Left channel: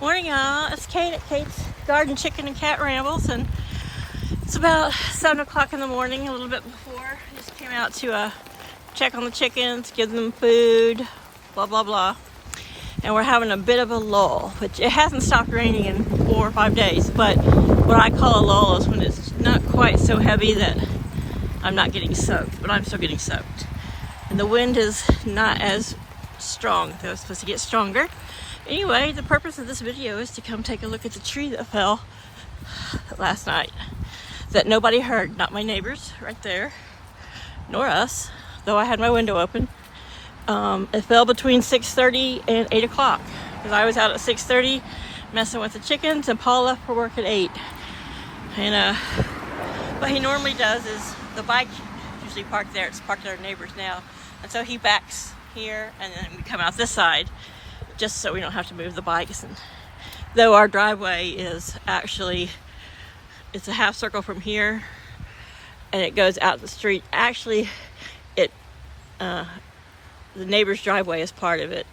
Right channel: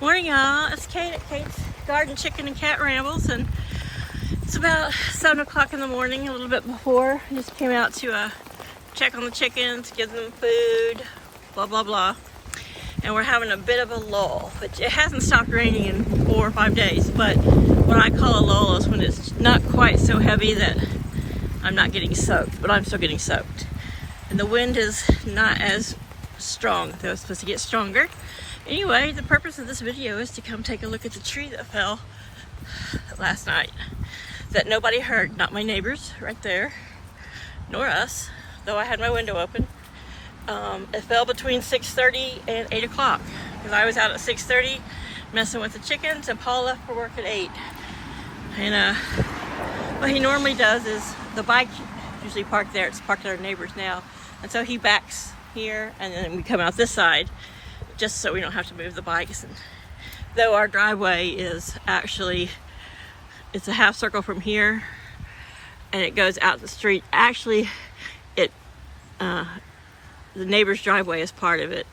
Morning, y'all. It's Kate at Kate's Garden Chicken and Cat Rambles, and it's about 7 o'clock in the morning, a little bit before. Just came out to check on the chickens, give them food, blah, blah, blah. And we're having a bit of a lull, which it hasn't stopped raining in 4 or 5 days, but what I call a lull is when it's not quite so heavy that I'm not getting soaked, but I'm still getting soaked. And the wind is not as strong. It was supposed to get stronger. Anyway, the purpose of this video is to come take a look at the tree that fell last night that nobody heard. Not my neighbors right there, nor us, though I had my window open. It fell between 6:30 and 8 o'clock because I was out at 6:30 messing with the chickens, and Paul left for work at 8. And what he normally does is the bike usually parked there. It's parked at our neighbors now, and so he backs here and then we come out this side just so we don't have to move the bikes. And though our driveway is actually, it's a half circle from here and it goes out the street. Actually, the neighbor's driveway is part of it.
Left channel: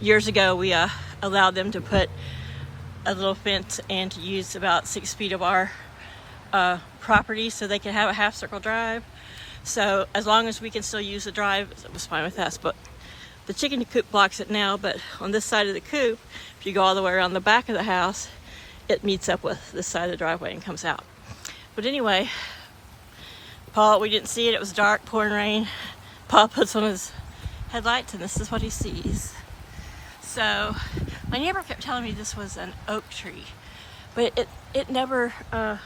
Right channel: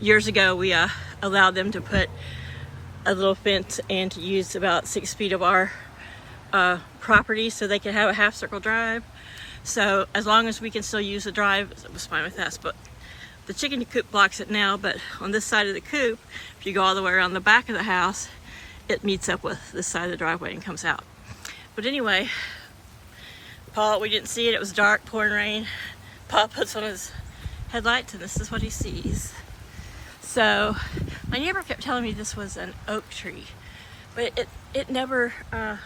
Years ago, we allowed them to put a little fence and to use about 6 feet of our property so they could have a half circle drive. So as long as we can still use the drive, it was fine with us. But the chicken coop blocks it now, but on this side of the coop, if you go all the way around the back of the house, it meets up with this side of the driveway and comes out. But anyway, Paul, we didn't see it. It was dark, pouring rain. Paul puts on his headlights and this is what he sees. So my neighbor kept telling me this was an oak tree, but it never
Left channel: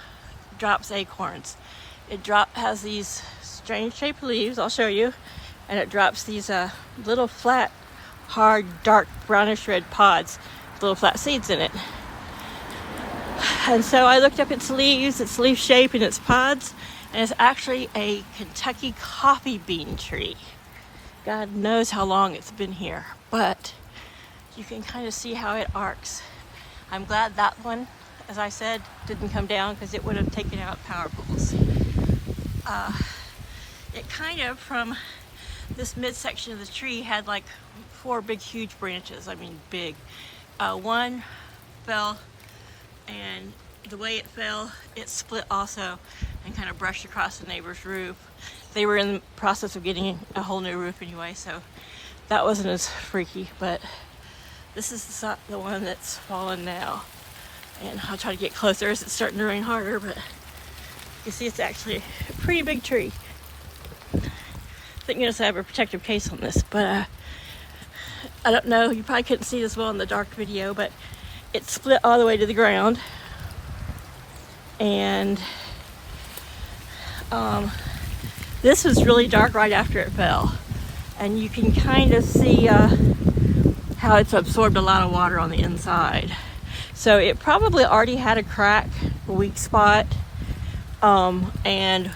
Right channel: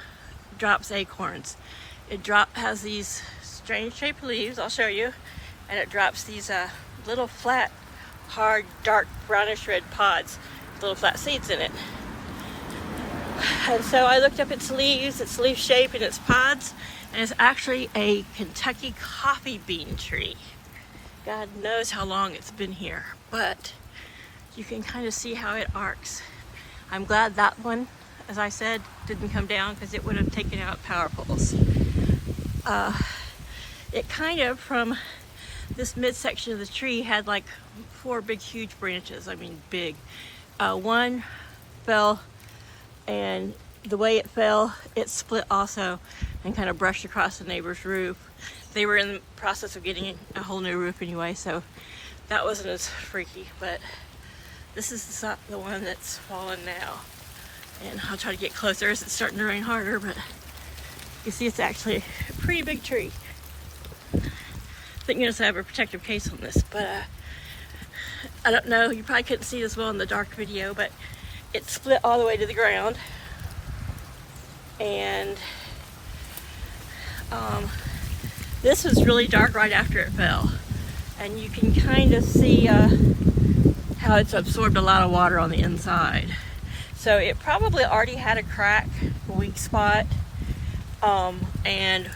drops acorns. It has these strange shaped leaves, I'll show you, and it drops these little flat, hard, dark brownish red pods, little flat seeds in it. And so I looked up its leaves, its leaf shape, and its pods, and it's actually a Kentucky coffee bean tree. God knows how long it's been here, but you can kind of see how it arcs. I'm glad that one, as I said, didn't come down because it would have taken out power poles. It kind of, from this midsection of the tree, had like 4 big, huge branches. I mean, big. One fell, and the way it fell, it split also and kind of brushed across the neighbor's roof. They were in the process of getting a whole new roof anyway, so that wasn't as freaky, but this is the one that's fallen now. And I'll try to get closer as it's starting to rain harder, but you see it's actually a pretty big tree. Thank goodness I have a protective case on this, but I don't know, you probably couldn't see this well in the dark video, but it split all the way to the ground. And this was really dark right after it fell. And you can kind of see how it's absorbed a lot of water on the inside. So it probably already had a crack, a weak spot. And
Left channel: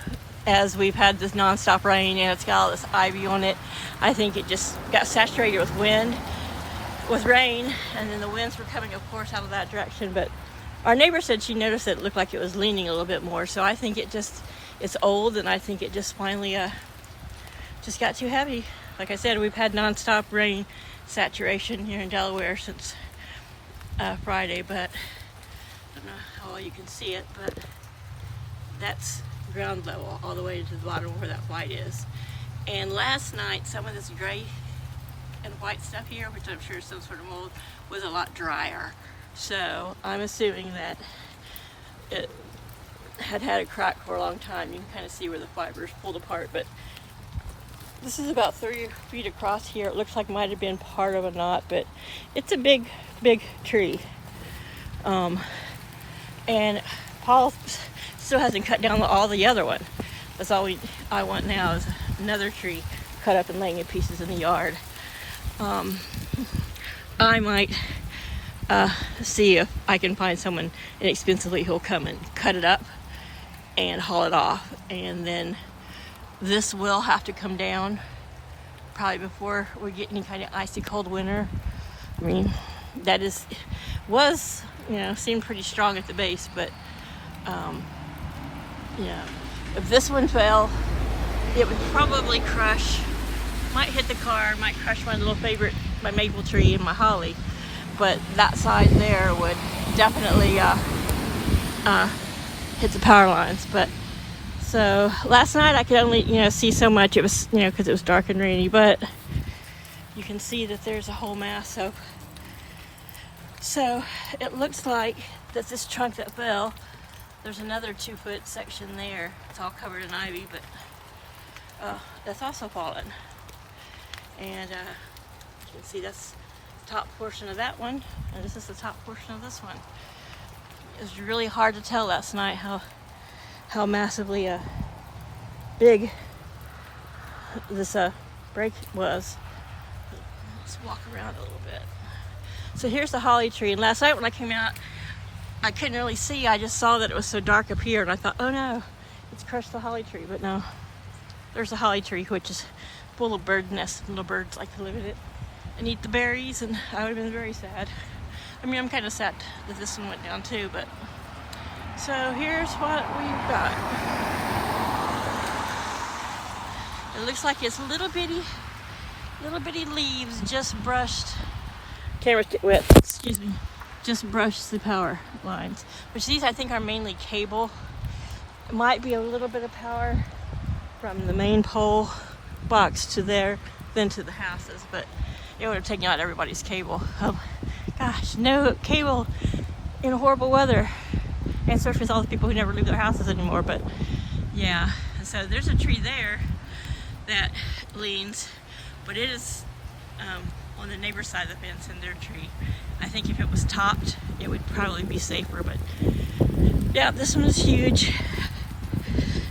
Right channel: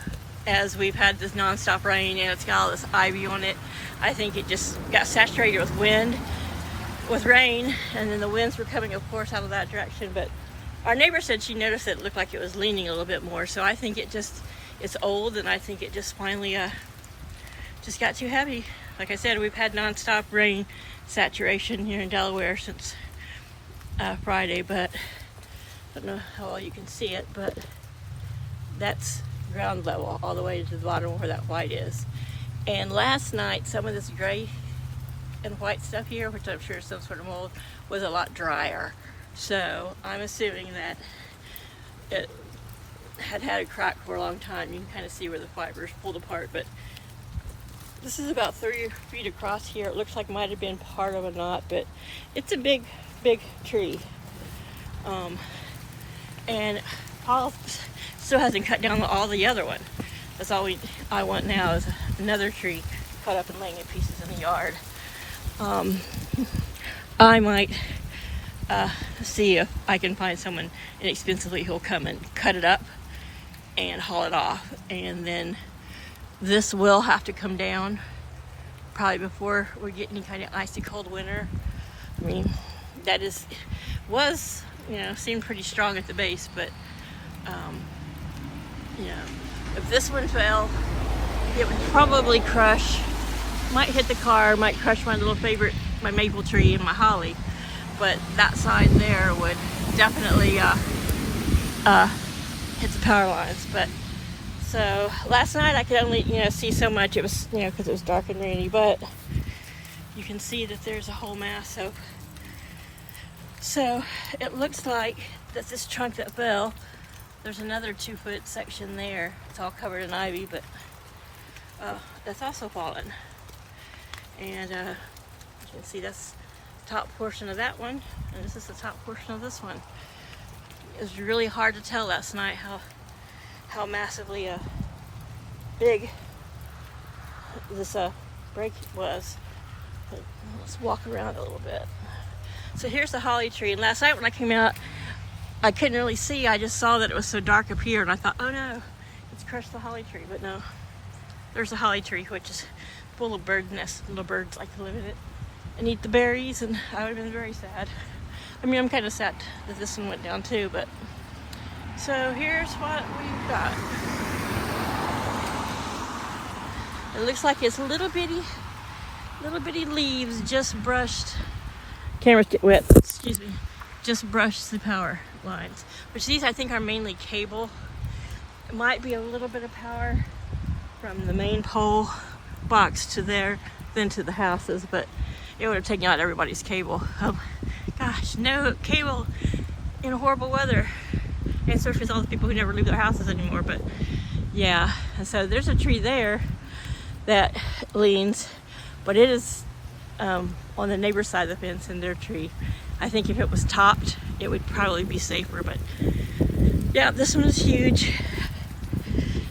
as we've had this nonstop rain and it's got all this ivy on it, I think it just got saturated with wind, with rain, and then the winds were coming, of course, out of that direction. But our neighbor said she noticed it looked like it was leaning a little bit more, so I think it's old, and I think it just finally just got too heavy. Like I said, we've had nonstop rain saturation here in Delaware since Friday, but I don't know how well you can see it, but that's ground level all the way to the bottom where that white is. And last night, some of this gray and white stuff here, which I'm sure is some sort of mold, was a lot drier. So I'm assuming that it had a crack for a long time. You can kind of see where the fibers pulled apart, but this is about 30 feet across here. It looks like it might have been part of a knot, but it's a big, big tree. And Paul still hasn't cut down all the other one. That's all I want now is another tree cut up and laying in pieces in the yard. I might see if I can find someone inexpensively who'll come and cut it up and haul it off. And then this will have to come down probably before we get any kind of icy cold winter. I mean, that was, seemed pretty strong at the base, but if this one fell, it would probably crush, might hit the car, might crush my little favorite, my maple tree and my holly. but that side there would definitely hit the power lines. But so last night I could only see so much. It was because it was dark and rainy, but you can see that there's a whole mass of. So it looks like that this trunk that fell, there's another 2-foot section there. It's all covered in ivy, but that's also fallen. And you can see that's the top portion of that one, and this is the top portion of this one. It was really hard to tell last night how massively big this break was. So let's walk around a little bit. So here's the holly tree, and last night when I came out, I couldn't really see. I just saw that it was so dark up here, and I thought, oh no, it's crushed the holly tree. But no, there's a holly tree, which is full of bird nests. Little birds like to live in it and eat the berries, and I would have been very sad. I mean, I'm kind of sad that this one went down too, but so here's what we've got. It looks like it's little bitty leaves just brushed. Cameras get wet, excuse me. Just brushed the power lines. Which these I think are mainly cable. It might be a little bit of power from the main pole box to there, then to the houses, but it would have taken out everybody's cable. Gosh, no cable in horrible weather. And especially with all the people who never leave their houses anymore, but yeah. And so there's a tree there that leans, but it is on the neighbor's side of the fence in their tree. I think if it was topped, it would probably be safer, but yeah, this one is huge.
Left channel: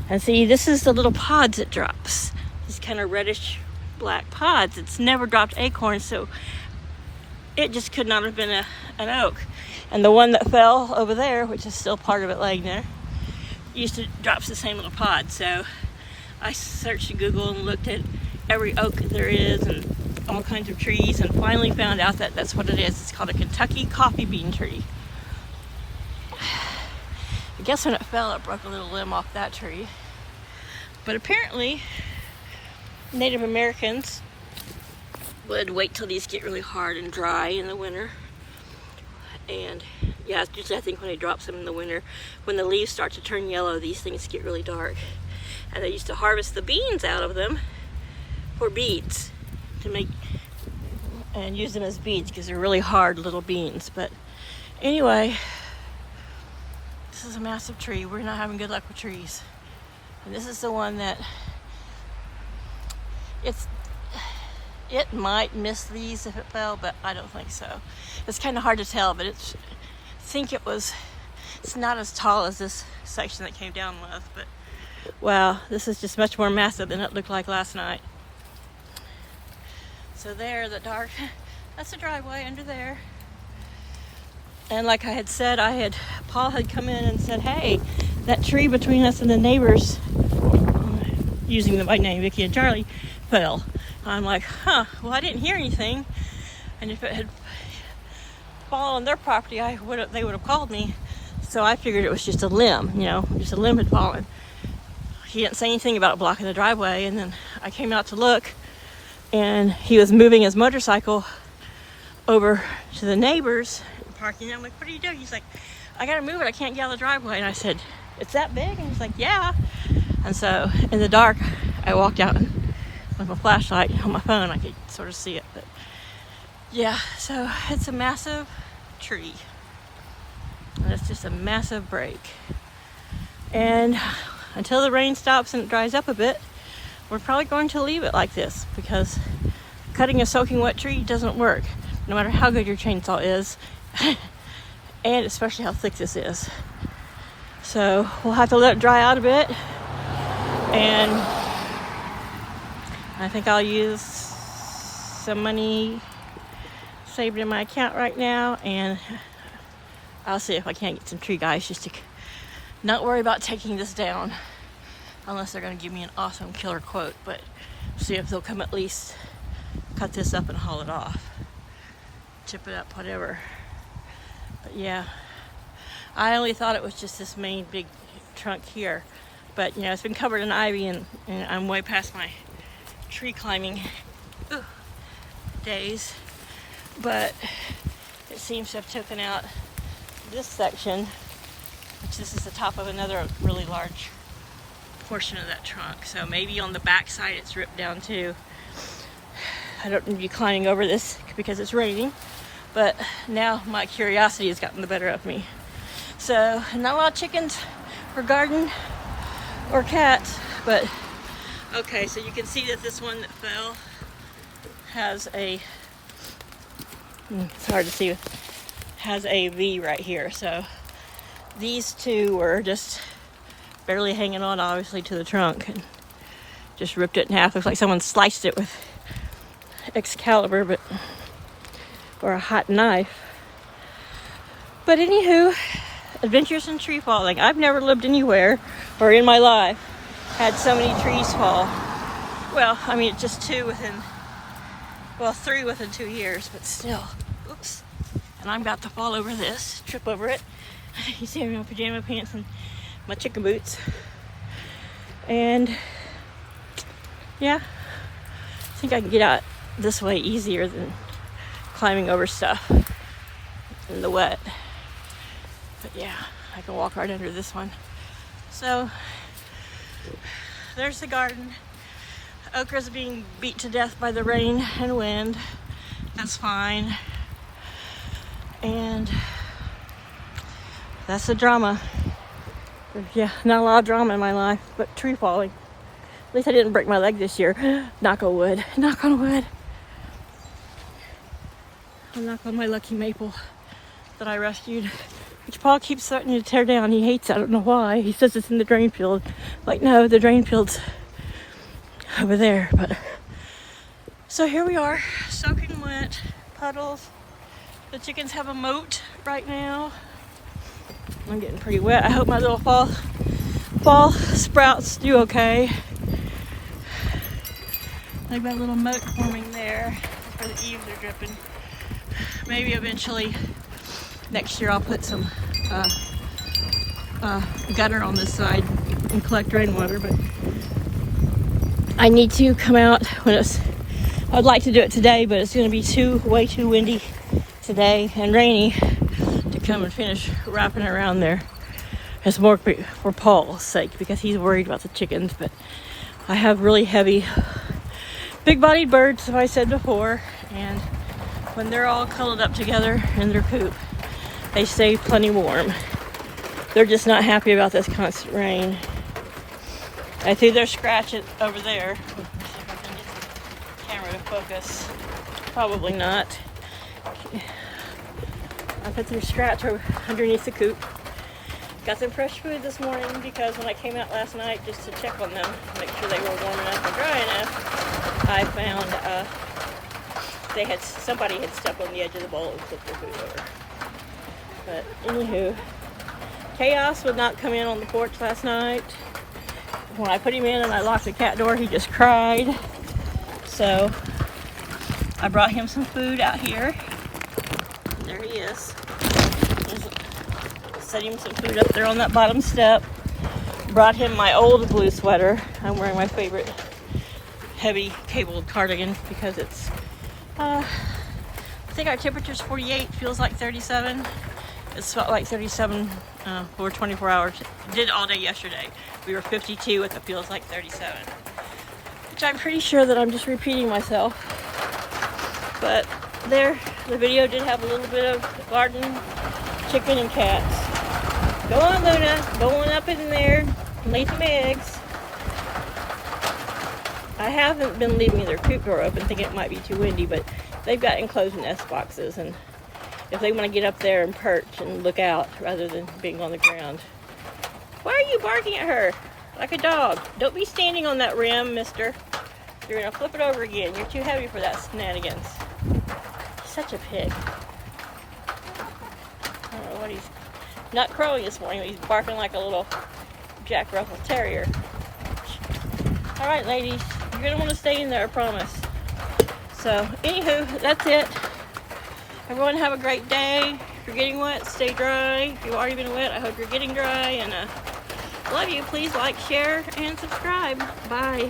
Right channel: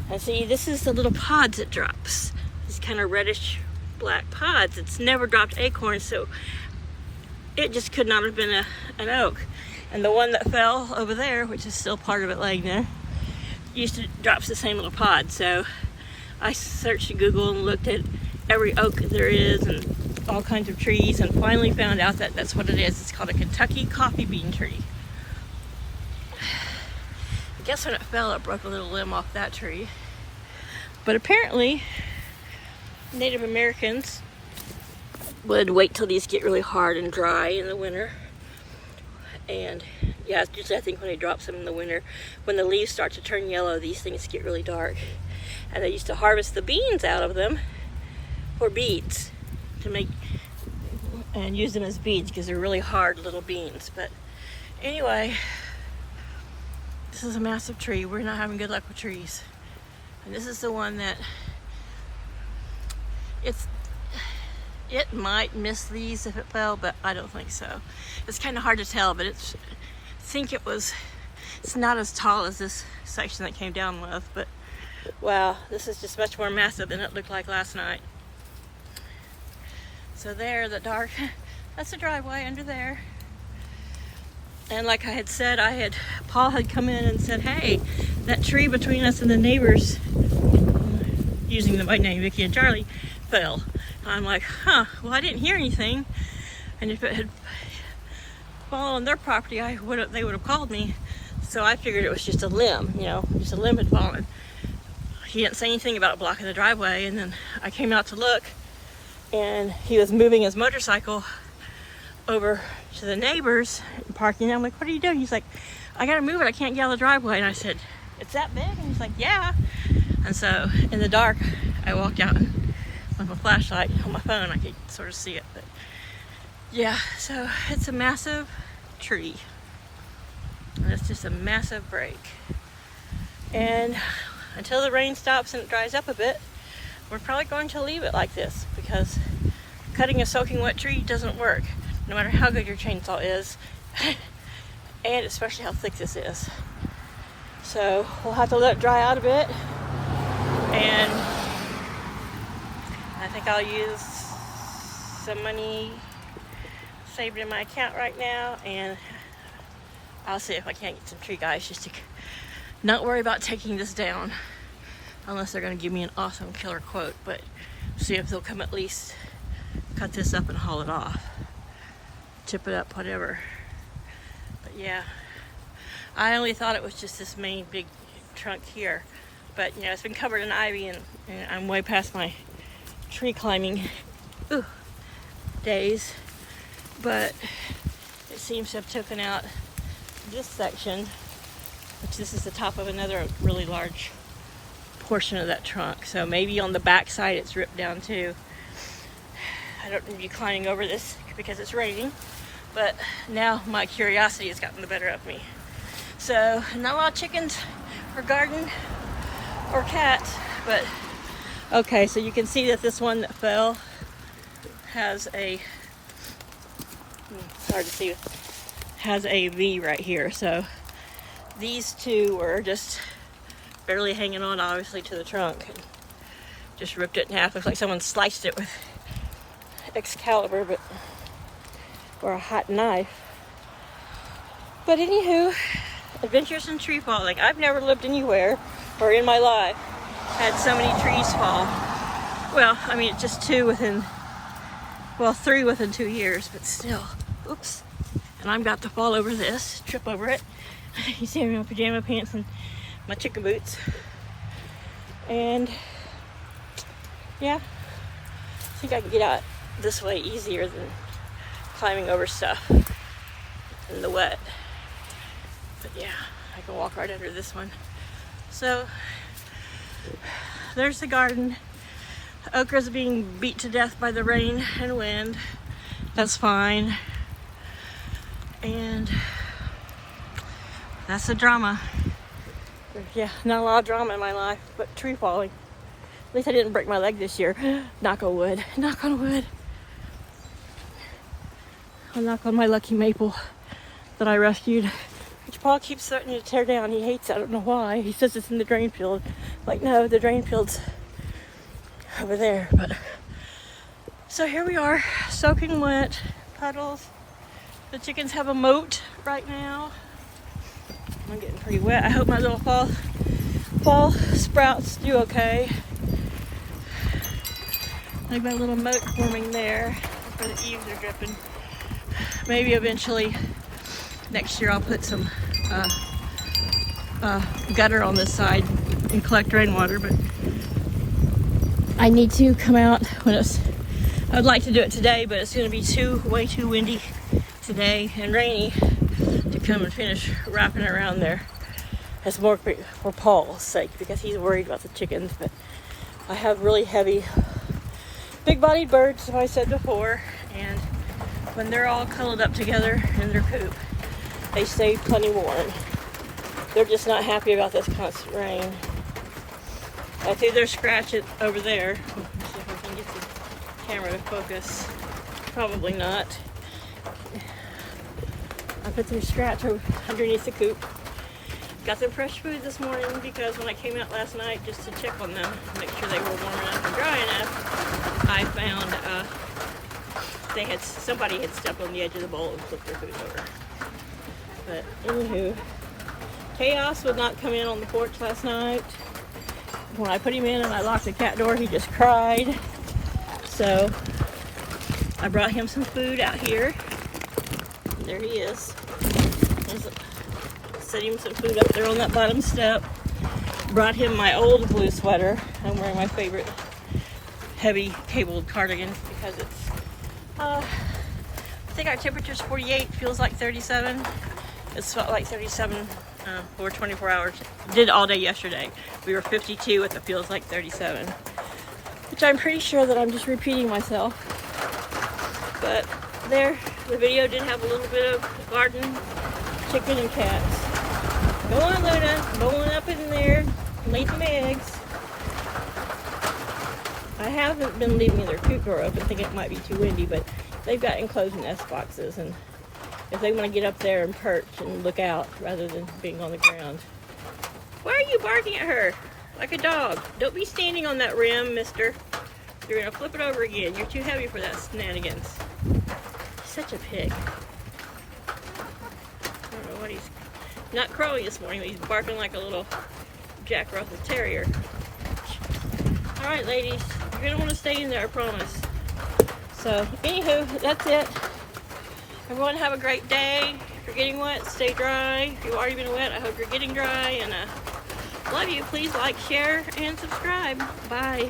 And see, this is the little pods it drops. These kind of reddish black pods. It's never dropped acorns, so it just could not have been an oak. And the one that fell over there, which is still part of it laying there, drops the same little pod. So I searched Google and looked at every oak there is and all kinds of trees, and finally found out that that's what it is. It's called a Kentucky coffee bean tree. I guess when it fell, it broke a little limb off that tree. But apparently, Native Americans would wait till these get really hard and dry in the winter. And yeah, it's usually I think when they drop some in the winter, when the leaves start to turn yellow, these things get really dark. And they used to harvest the beans out of them for beads to make and use them as beads because they're really hard little beans. But anyway, this is a massive tree. We're not having good luck with trees. And this is the one that it might miss these if it fell, but I don't think so. It's kind of hard to tell, but it's not as tall as this section that came down with, but wow, this is just much more massive than it looked like last night. So there, the dark, that's the driveway under there. And like I had said, Paul had come in and said, hey, that tree between us and the neighbors, using them by name, Vicky and Charlie, fell. I'm like, huh, well, I didn't hear anything. And if it had fallen on their property, they would have called me. So I figured it was just a limb, just a limb had fallen. He didn't say anything about blocking the driveway. And then I came out to look, and he was moving his motorcycle over to the neighbors parking. I'm like, what are you doing? He's like, I gotta move it, I can't get out of the driveway. And I said, it's that big? And he's like, yeah. And so in the dark, I walked out and with a flashlight on my phone, I could sort of see it. But yeah, so it's a massive tree. And it's just a massive break. And until the rain stops and it dries up a bit, we're probably going to leave it like this, because cutting a soaking wet tree doesn't work, no matter how good your chainsaw is, and especially how thick this is. So we'll have to let it dry out a bit, and I think I'll use some money saved in my account right now, and I'll see if I can't get some tree guys just to not worry about taking this down, unless they're going to give me an awesome killer quote, but see if they'll come at least cut this up and haul it off, chip it up, whatever. But yeah, I only thought it was just this main big trunk here, but it's been covered in ivy, and I'm way past my tree climbing days. But it seems to have taken out this section, which this is the top of another really large portion of that trunk. So maybe on the back side it's ripped down too. I don't need you climbing over this because it's raining, but now my curiosity has gotten the better of me. So not a lot of chickens or garden or cats, but okay, so you can see that this one that fell has a, it's hard to see, has a V right here. So these two were just barely hanging on, obviously, to the trunk. And just ripped it in half. Looks like someone sliced it with Excalibur, but, or a hot knife. But anywho, adventures in tree falling. I've never lived anywhere, or in my life, had so many trees fall. Well, I mean, it's just two within, well, 3 within 2 years, but still. Oops. And I'm about to fall over this, trip over it. You see me in my pajama pants and my chicken boots. And yeah, I think I can get out this way easier than climbing over stuff in the wet. But yeah, I can walk right under this one. So there's the garden. Okra's being beat to death by the rain and wind. That's fine. And that's the drama. Yeah, not a lot of drama in my life, but tree falling. At least I didn't break my leg this year. Knock on wood. Knock on wood. I'll knock on my lucky maple that I rescued, which Paul keeps starting to tear down. He hates it. I don't know why. He says it's in the drain field. Like, no, the drain field's over there. But so here we are, soaking wet, puddles. The chickens have a moat right now. I'm getting pretty wet. I hope my little fall sprouts do okay. I've got a little moat forming there where the eaves are dripping. Maybe eventually next year I'll put some gutter on this side and collect rainwater, but I need to come out when it's, I'd like to do it today, but it's going to be way too windy today and rainy to come and finish wrapping around there. It's more for Paul's sake because he's worried about the chickens, but I have really heavy, big-bodied birds, as I said before, and when they're all cuddled up together in their coop, they stay plenty warm. They're just not happy about this constant rain. I see their scratch it over there. Let's see if I can get the camera to focus. Probably not. I put their scratch underneath the coop. Got them fresh food this morning because when I came out last night just to check on them, to make sure they were warm enough and dry enough, I found somebody had stepped on the edge of the bowl and took their food over. But anywho, Chaos would not come in on the porch last night. When I put him in and I locked the cat door, he just cried. So I brought him some food out here. There he is. Set him some food up there on that bottom step. Brought him my old blue sweater. I'm wearing my favorite heavy cabled cardigan because it's, I think our temperature is 48, feels like 37. It's felt like 37 for 24 hours. Did all day yesterday. We were 52 with it feels like 37. Which I'm pretty sure that I'm just repeating myself. But there, the video did have a little bit of garden, chicken, and cats. Go on, Luna. Go on up in there. Lay some eggs. I haven't been leaving their coop door open, thinking it might be too windy, but they've got enclosed nest boxes, and if they want to get up there and perch and look out rather than being on the ground. Why are you barking at her like a dog? Don't be standing on that rim, mister. You're going to flip it over again. You're too heavy for that shenanigans. Such a pig. I don't know what he's... Not crowing this morning, he's barking like a little Jack Russell Terrier. Alright, ladies. You're going to want to stay in there, I promise. So, anywho, that's it. Everyone have a great day. If you're getting wet, stay dry. If you've already been wet, I hope you're getting dry. And love you. Please like, share, and subscribe. Bye.